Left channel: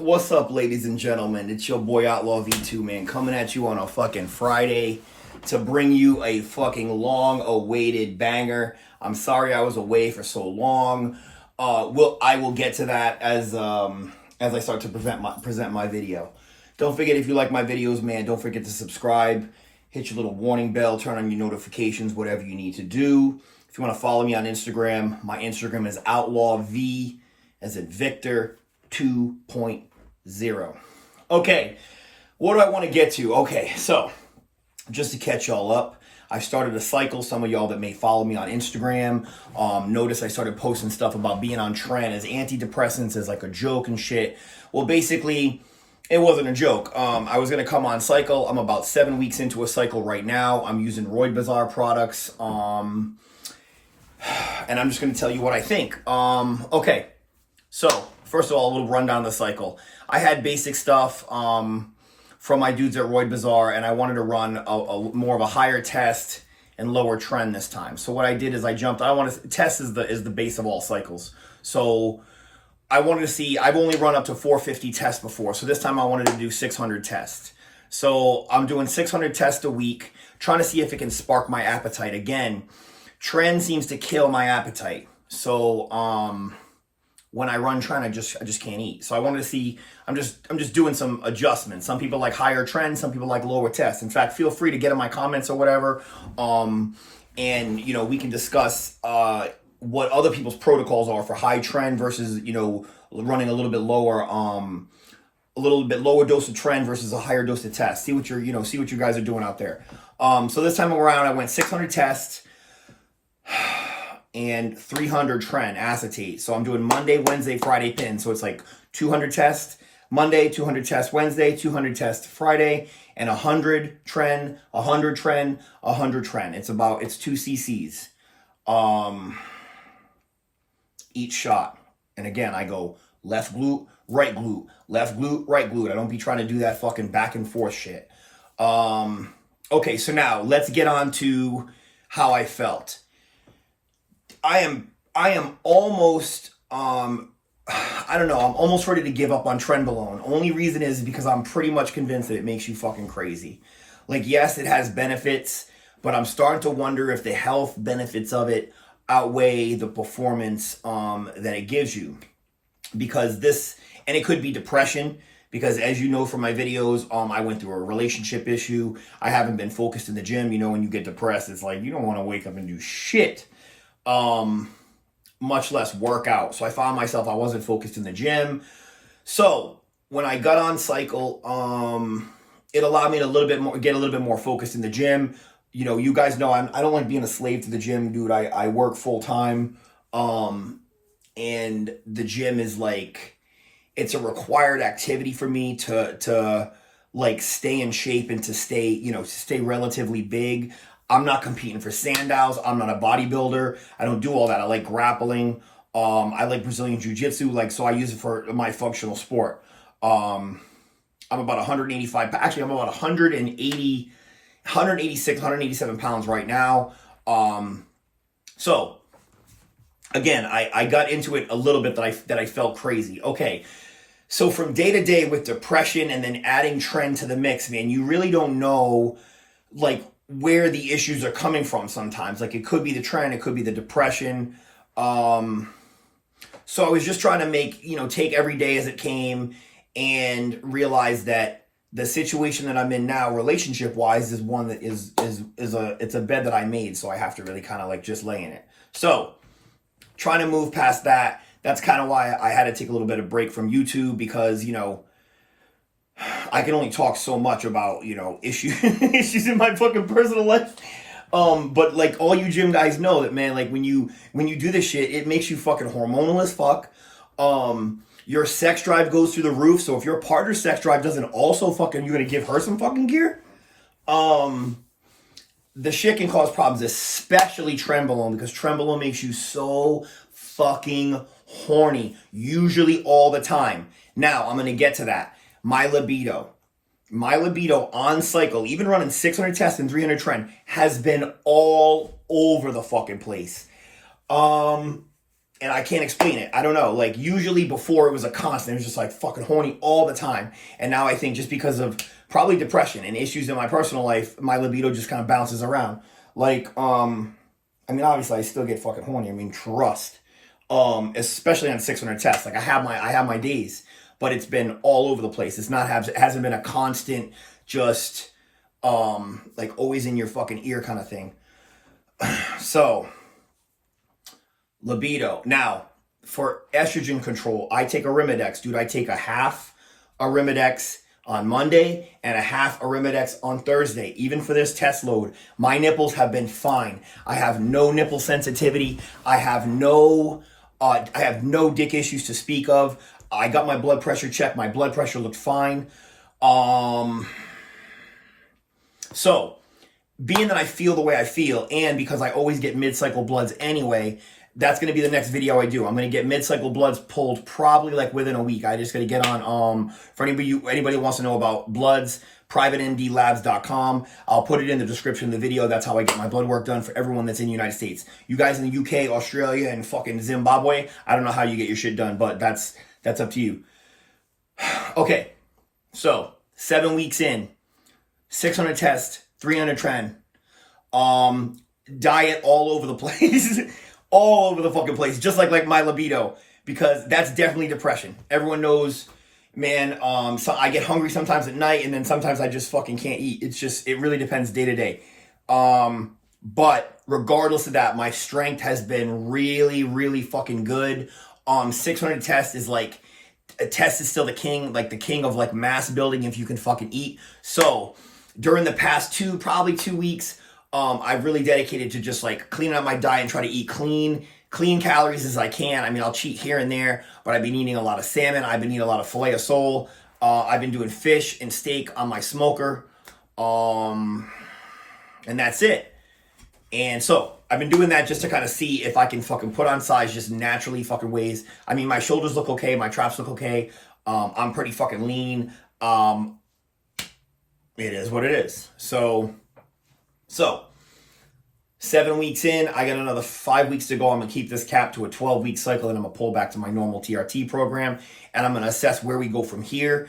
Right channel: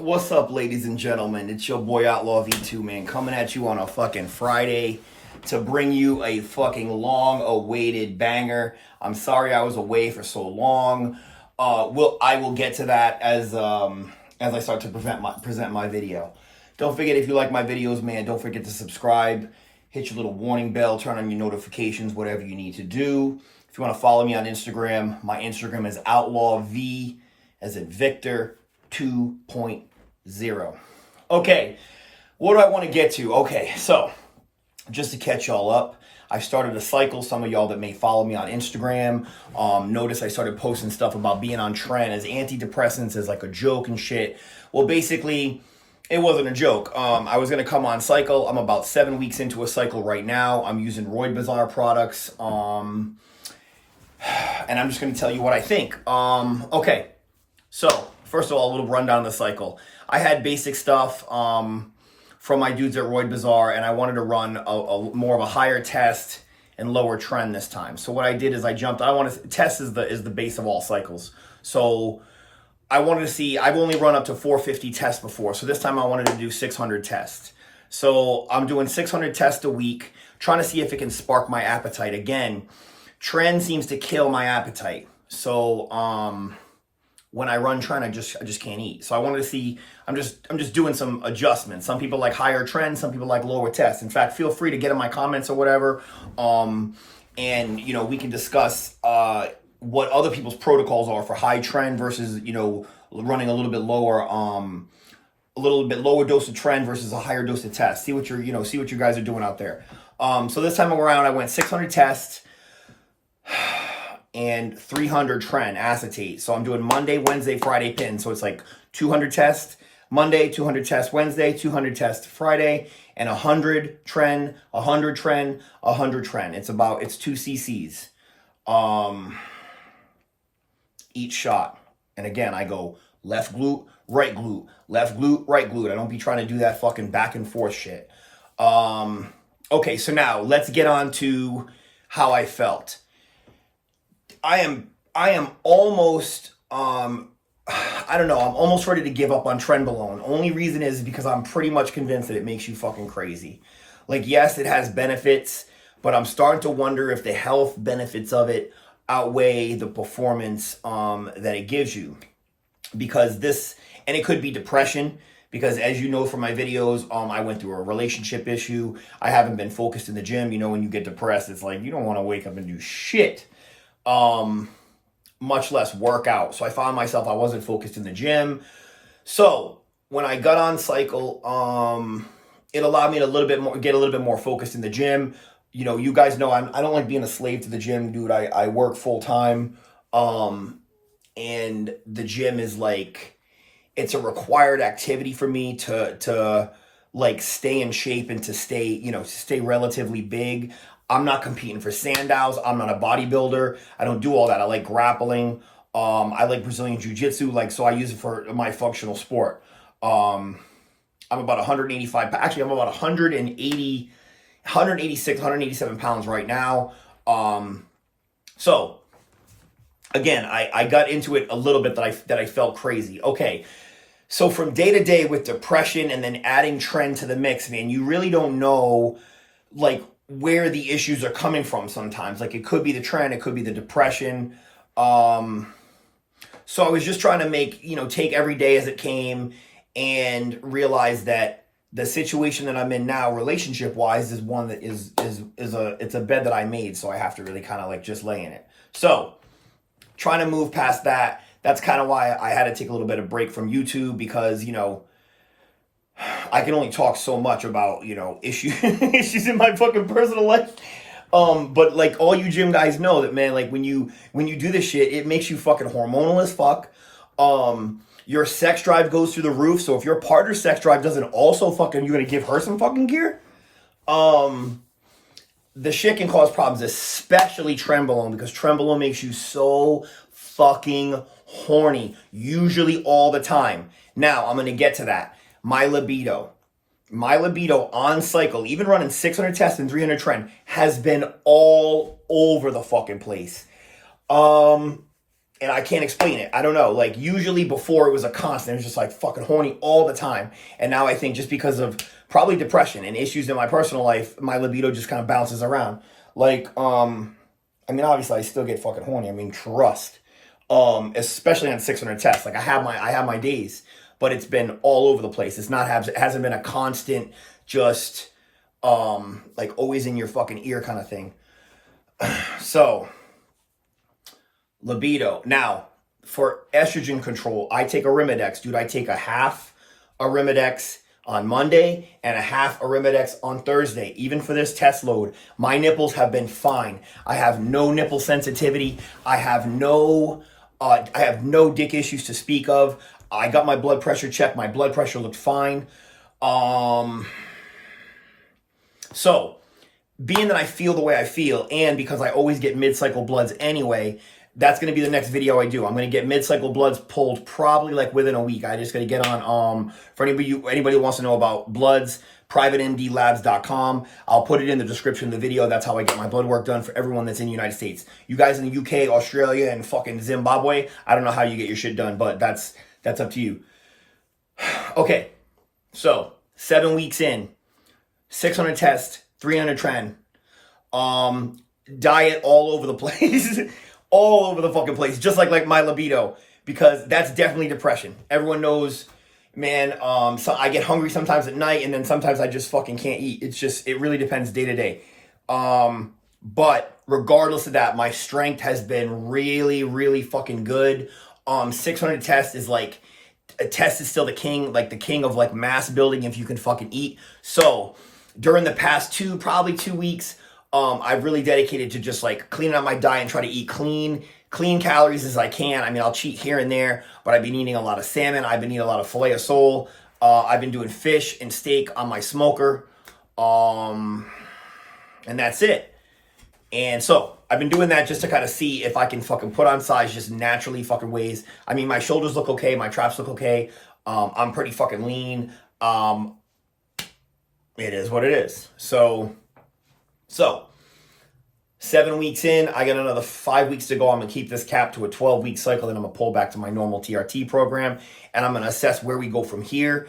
What's up, ladies and gentlemen? It's your boy Outlaw V2, man, coming at you on a fucking Friday to bring you a fucking long-awaited banger. I'm sorry I was away for so long. I will get to that as I start to present my video. Don't forget, if you like my videos, man, don't forget to subscribe, hit your little warning bell, turn on your notifications, whatever you need to do. If you want to follow me on Instagram, my Instagram is outlawv, as in Victor 2.0. Okay, what do I want to get to? Okay, so just to catch y'all up, I started a cycle. Some of y'all that may follow me on Instagram notice I started posting stuff about being on trend as antidepressants as like a joke and shit. Well, basically, it wasn't a joke. I was going to come on cycle. I'm about 7 weeks into a cycle right now. I'm using Roid Bazaar products. And I'm just going to tell you what I think. Okay, so first of all, a little rundown of the cycle. I had basic stuff from my dudes at Roid Bazaar, and I wanted to run a more of a higher test and lower trend this time. So what I did is test is the base of all cycles. So I wanted to see, I've only run up to 450 tests before. So this time I wanted to do 600 tests. So I'm doing 600 tests a week, trying to see if it can spark my appetite. Again, trend seems to kill my appetite. So when I run trend, I just can't eat. So I wanted to see, I'm just doing some adjustments. Some people like higher trend, some people like lower tests. In fact, feel free to get in my comments or whatever. And you know, we can discuss what other people's protocols are for high trend versus, you know, running a little bit lower dose of trend versus a higher dose of test. See what you guys are doing out there. So this time around I went 600 tests and 300 trend acetate. So I'm doing Monday, Wednesday, Friday pin. So it's like 200 tests Monday, 200 tests Wednesday, 200 tests Friday, and 100 trend, 100 trend, 100 trend. It's 2 cc's each shot. And again, I go left glute, right glute, left glute, right glute. I don't be trying to do that fucking back and forth shit. Okay, so now let's get on to how I felt. I am almost, I don't know, I'm almost ready to give up on Trenbolone. Only reason is because I'm pretty much convinced that it makes you fucking crazy. Like, yes, it has benefits, but I'm starting to wonder if the health benefits of it outweigh the performance that it gives you. Because and it could be depression, because as you know from my videos, I went through a relationship issue. I haven't been focused in the gym. You know, when you get depressed, it's like you don't want to wake up and do shit. Much less workout. So I found myself, I wasn't focused in the gym. So when I got on cycle, it allowed me to get a little bit more focused in the gym. You know, you guys know I don't like being a slave to the gym, dude. I work full time. And the gym is like, it's a required activity for me to like stay in shape and to stay relatively big. I'm not competing for Sandals. I'm not a bodybuilder. I don't do all that. I like grappling. I like Brazilian Jiu-Jitsu. Like, so I use it for my functional sport. I'm about 185. Actually, I'm about 186, 187 pounds right now. So again, I got into it a little bit that I felt crazy. Okay. So from day to day with depression and then adding trend to the mix, man, you really don't know like where the issues are coming from sometimes. Like, it could be the trend, it could be the depression. So I was just trying to take every day as it came and realize that the situation that I'm in now, relationship wise, is one that it's a bed that I made. So I have to really kind of like just lay in it. So trying to move past that. That's kind of why I had to take a little bit of break from YouTube, because, you know, I can only talk so much about, you know, issues in my fucking personal life. But like all you gym guys know that, man, like when you do this shit, it makes you fucking hormonal as fuck. Your sex drive goes through the roof. So if your partner's sex drive doesn't also fucking, you're going to give her some fucking gear. The shit can cause problems, especially Trenbolone, because Trenbolone makes you so fucking horny, usually all the time. Now, I'm going to get to that. My libido on cycle, even running 600 tests and 300 trend, has been all over the fucking place. And I can't explain it. I don't know. Like, usually before it was a constant. It was just like fucking horny all the time. And now I think just because of probably depression and issues in my personal life, my libido just kind of bounces around. Like, I mean, obviously I still get fucking horny. I mean, trust. Especially on 600 tests. Like, I have my days, but it's been all over the place. It hasn't been a constant, just, like always in your fucking ear kind of thing. So, libido. Now, for estrogen control, I take Arimidex. Dude, I take a half Arimidex on Monday and a half Arimidex on Thursday. Even for this test load, my nipples have been fine. I have no nipple sensitivity. I have no dick issues to speak of. I got my blood pressure checked. My blood pressure looked fine. So, being that I feel the way I feel, and because I always get mid-cycle bloods anyway, that's going to be the next video I do. I'm going to get mid-cycle bloods pulled probably like within a week. I just got to get on, for anybody who wants to know about bloods, privatemdlabs.com. I'll put it in the description of the video. That's how I get my blood work done for everyone that's in the United States. You guys in the UK, Australia, and fucking Zimbabwe, I don't know how you get your shit done, but that's up to you. Okay, so 7 weeks in, 600 tests, 300 tren, diet all over the place. All over the fucking place, just like my libido, because that's definitely depression. Everyone knows, man. So I get hungry sometimes at night, and then sometimes I just fucking can't eat. It really depends day to day. But regardless of that, my strength has been really, really fucking good. 600 tests is like, a test is still the king, like the king of like mass building if you can fucking eat. So during the past probably 2 weeks, I've really dedicated to just like cleaning up my diet and try to eat clean calories as I can. I mean, I'll cheat here and there, but I've been eating a lot of salmon. I've been eating a lot of filet of sole. I've been doing fish and steak on my smoker. And that's it. And so I've been doing that just to kind of see if I can fucking put on size just naturally fucking ways. I mean, my shoulders look okay. My traps look okay. I'm pretty fucking lean. It is what it is. So 7 weeks in, I got another 5 weeks to go. I'm going to keep this cap to a 12-week cycle, and I'm going to pull back to my normal TRT program, and I'm going to assess where we go from here.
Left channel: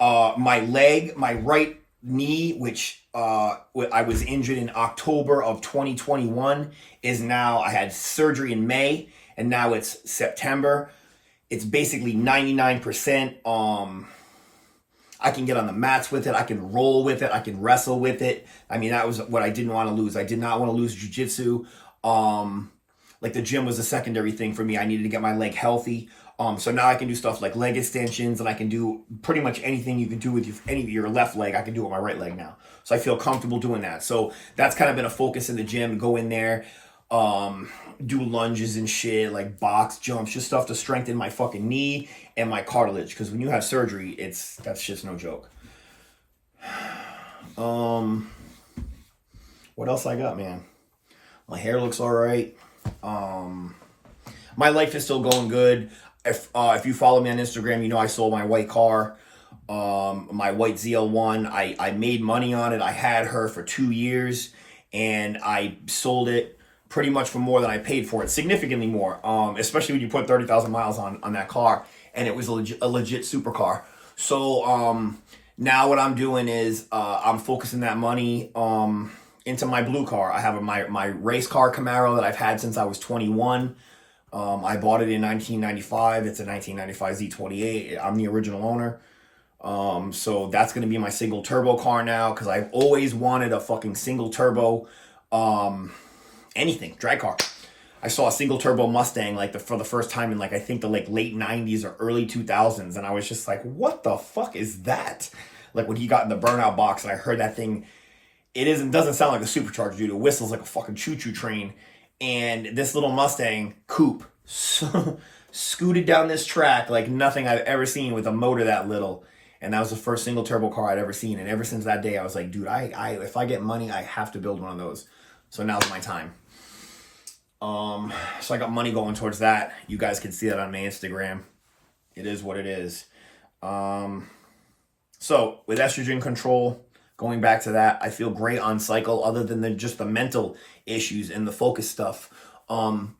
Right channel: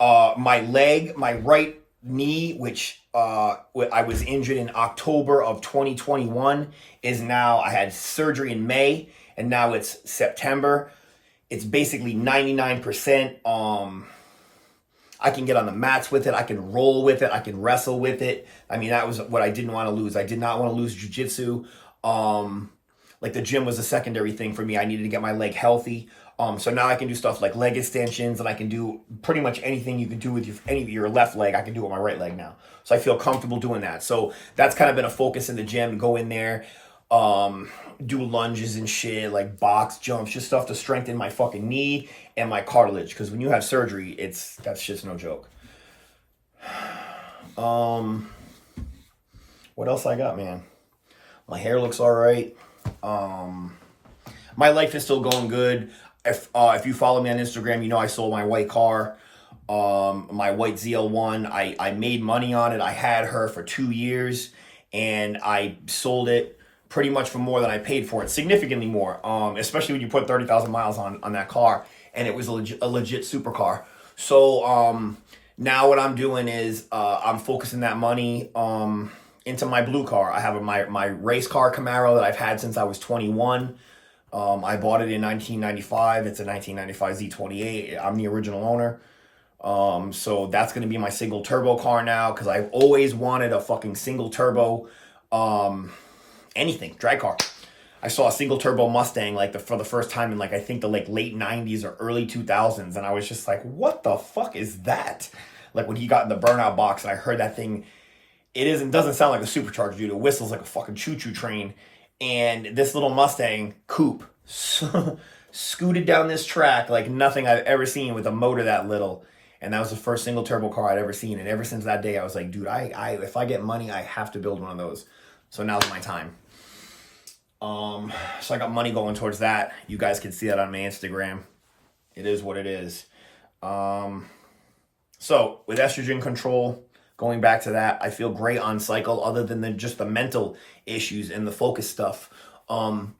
My right knee, which I was injured in October of 2021, is now, I had surgery in May, and now it's September. It's basically 99%. I can get on the mats with it. I can roll with it. I can wrestle with it. I mean, that was what I didn't want to lose. I did not want to lose jiu-jitsu. Like the gym was a secondary thing for me. I needed to get my leg healthy. So now I can do stuff like leg extensions, and I can do pretty much anything you can do with your left leg. I can do with my right leg now. So I feel comfortable doing that. So that's kind of been a focus in the gym. Go in there, do lunges and shit, like box jumps, just stuff to strengthen my fucking knee and my cartilage, because when you have surgery, that shit's no joke. What else I got, man? My hair looks all right. My life is still going good. If you follow me on Instagram, you know I sold my white car, my white ZL1. I made money on it. I had her for 2 years, and I sold it pretty much for more than I paid for it, significantly more, especially when you put 30,000 miles on that car. And it was a legit supercar. So now what I'm doing is I'm focusing that money into my blue car. I have my race car Camaro that I've had since I was 21. I bought it in 1995. It's a 1995 Z28. I'm the original owner. So that's going to be my single turbo car now, because I've always wanted a fucking single turbo anything, drag car. I saw a single turbo Mustang for the first time in I think the late 90s or early 2000s, and I was just like, what the fuck is that? Like when he got in the burnout box and I heard that thing, doesn't sound like a supercharger, dude. It whistles like a fucking choo-choo train. And this little Mustang coupe scooted down this track like nothing I've ever seen with a motor that little. And that was the first single turbo car I'd ever seen. And ever since that day, I was like, dude, if I get money, I have to build one of those. So now's my time. So I got money going towards that. You guys can see that on my Instagram. It is what it is. So with estrogen control, going back to that, I feel great on cycle, other than just the mental issues and the focus stuff.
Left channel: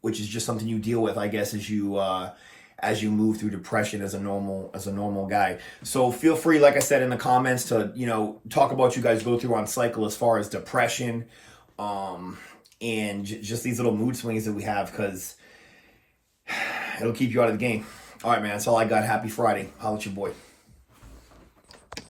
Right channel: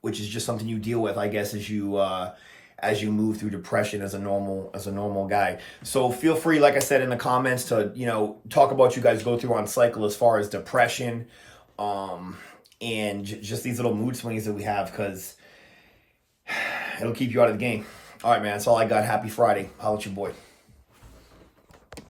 which is just something you deal with, I guess, as you move through depression as a normal guy. So feel free, like I said in the comments, to talk about what you guys go through on cycle as far as depression, and just these little mood swings that we have, because it'll keep you out of the game. All right, man, that's all I got. Happy Friday. Holla at your boy.